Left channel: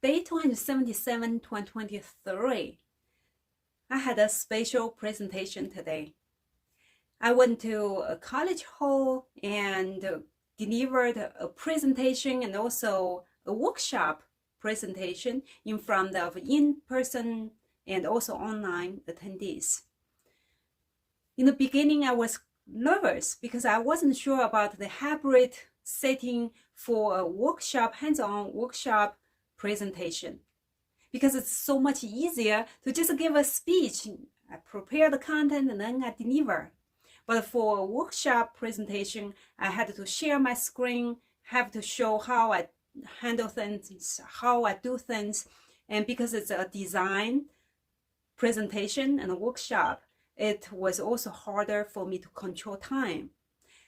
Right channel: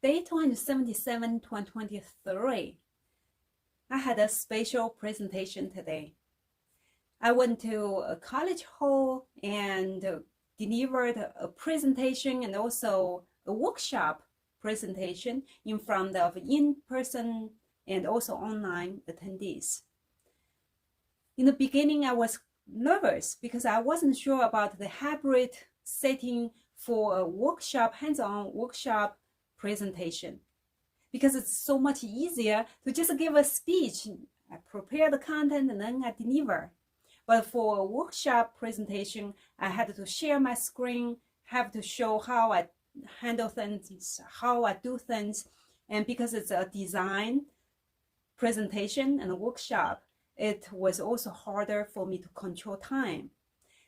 Day 277 to 23. I had a special presentation today. I went to a college hall and delivered a presentation and also a workshop presentation in front of in-person and also online attendees. In the beginning, I was nervous because I wasn't sure about the hybrid setting for a workshop, hands-on workshop presentation, because it's so much easier to just give a speech. I prepare the content and then I deliver. But for a workshop presentation, I had to share my screen, have to show how I handle things, how I do things. And because it's a design presentation and a workshop, it was also harder for me to control time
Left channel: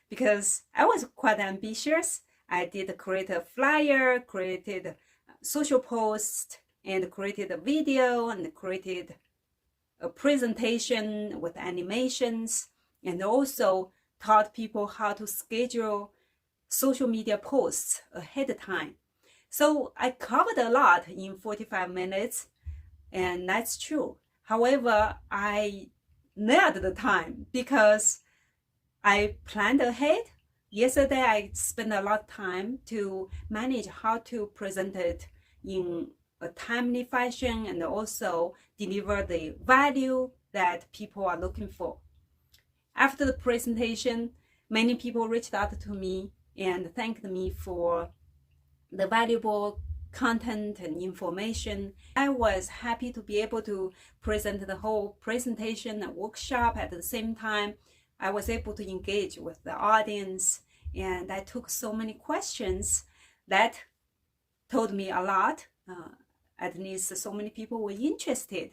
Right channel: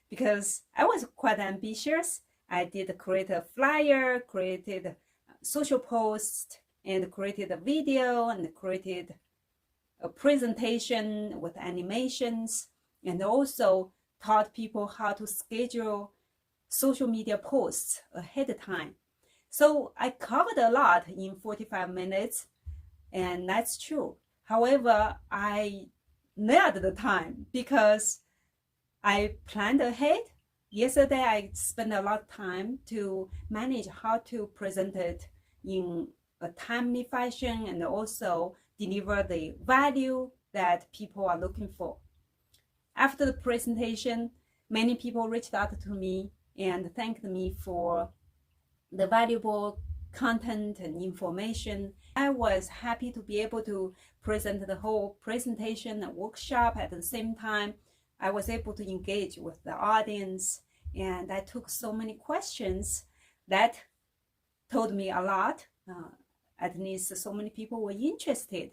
because I was quite ambitious. I did create a flyer, created social post, and created a video, and created a presentation with animations, and also taught people how to schedule social media posts ahead of time. So I covered a lot in 45 minutes, and that's true. However, I nailed the time because I planned ahead. Yesterday, I spent a lot of time to manage how to present it in a timely fashion and also deliver the value that people are looking for. After the presentation, many people reached out to me and thanked me for the valuable content and information. I was happy to be able to present the whole presentation and workshop at the same time. I was able to engage with the audience, and I took so many questions that told me a lot. At least so many people were interested.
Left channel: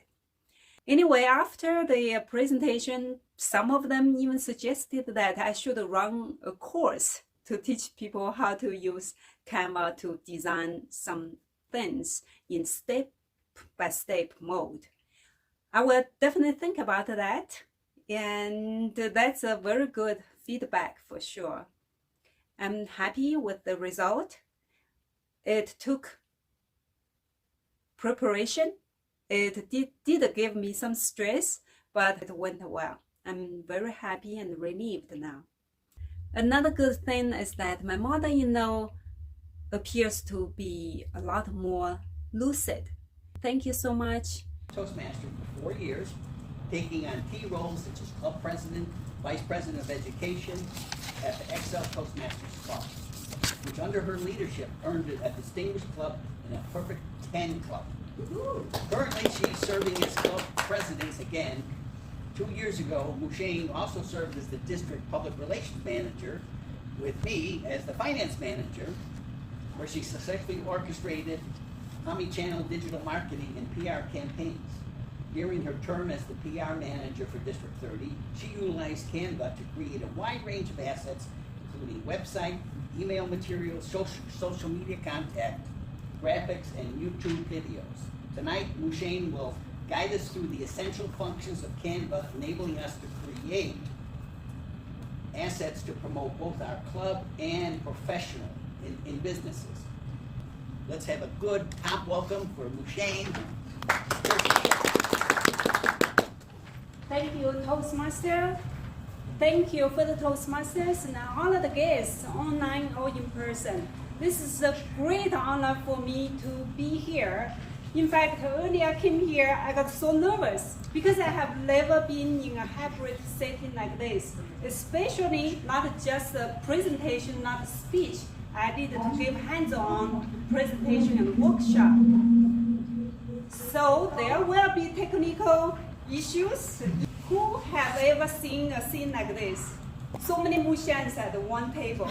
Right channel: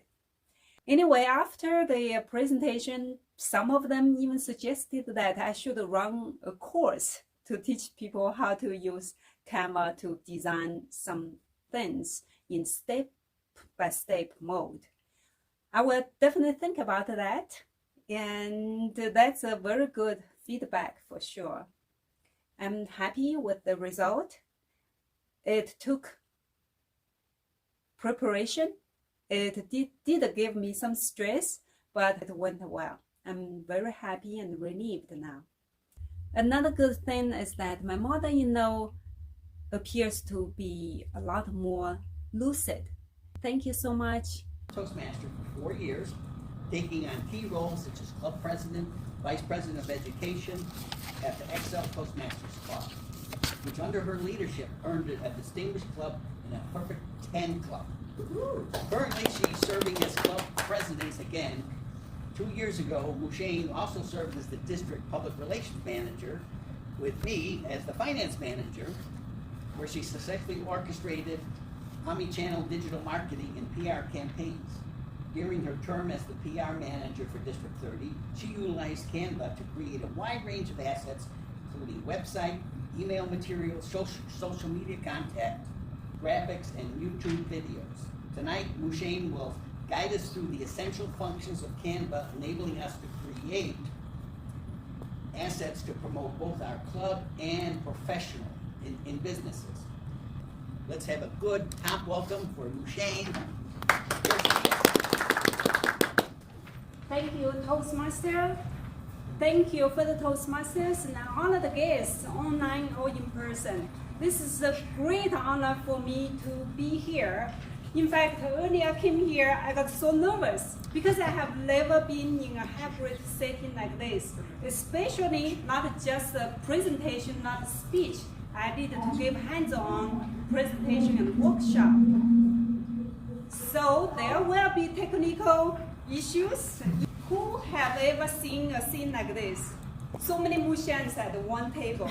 Anyway, after the presentation, some of them even suggested that I should run a course to teach people how to use Canva to design some things in step-by-step mode. I will definitely think about that, and that's a very good feedback for sure. I'm happy with the result. It took preparation. It did give me some stress, but it went well. I'm very happy and relieved now. Another good thing is that my mother-in-law appears to be a lot more lucid. Thank you so much. Toastmaster for 4 years, taking on key roles such as club president, vice president of education at the Excel Toastmasters Club, which under her leadership earned it a distinguished club and a perfect 10 club. Currently, she's serving as club president again. 2 years ago, Muxiang also served as the district public relations manager, with me as the finance manager, where she successfully orchestrated omni-channel digital marketing and PR campaigns. During her term as the PR manager for District 30, she utilized Canva to create a wide range of assets, including website, email materials, social media content, graphics, and YouTube videos. Tonight, Muxiang will guide us through the essential functions of Canva, enabling us to create assets to promote both our club and professional in businesses. Let's have a good top welcome for Muxiang. Thank you, Toastmaster. Thank you for the Toastmasters and all of the guests, online or in person. This is a great honor for me to be here. In fact, earlier I came here, I got so nervous because I have never been in a hybrid setting like this, especially not just a presentation, not a speech. I did to give hands-on presentation and workshop. So there will be technical issues. Who have ever seen a scene like this? So many Muxiangs at one table.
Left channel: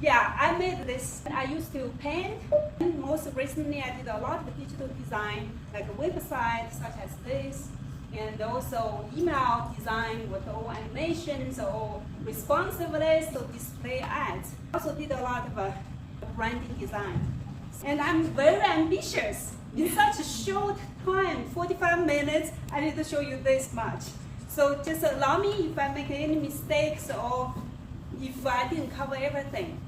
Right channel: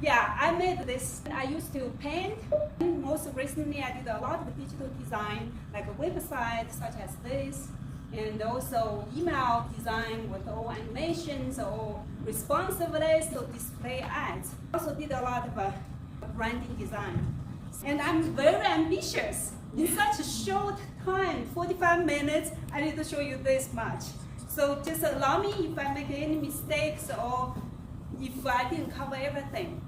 Yeah, I made this. I used to paint. Most recently, I did a lot of digital design, like a website such as this, and also email design with all animations or responsiveness to display ads. Also did a lot of branding design. And I'm very ambitious. In such a short time, 45 minutes, I need to show you this much. So just allow me if I make any mistakes or if I didn't cover everything.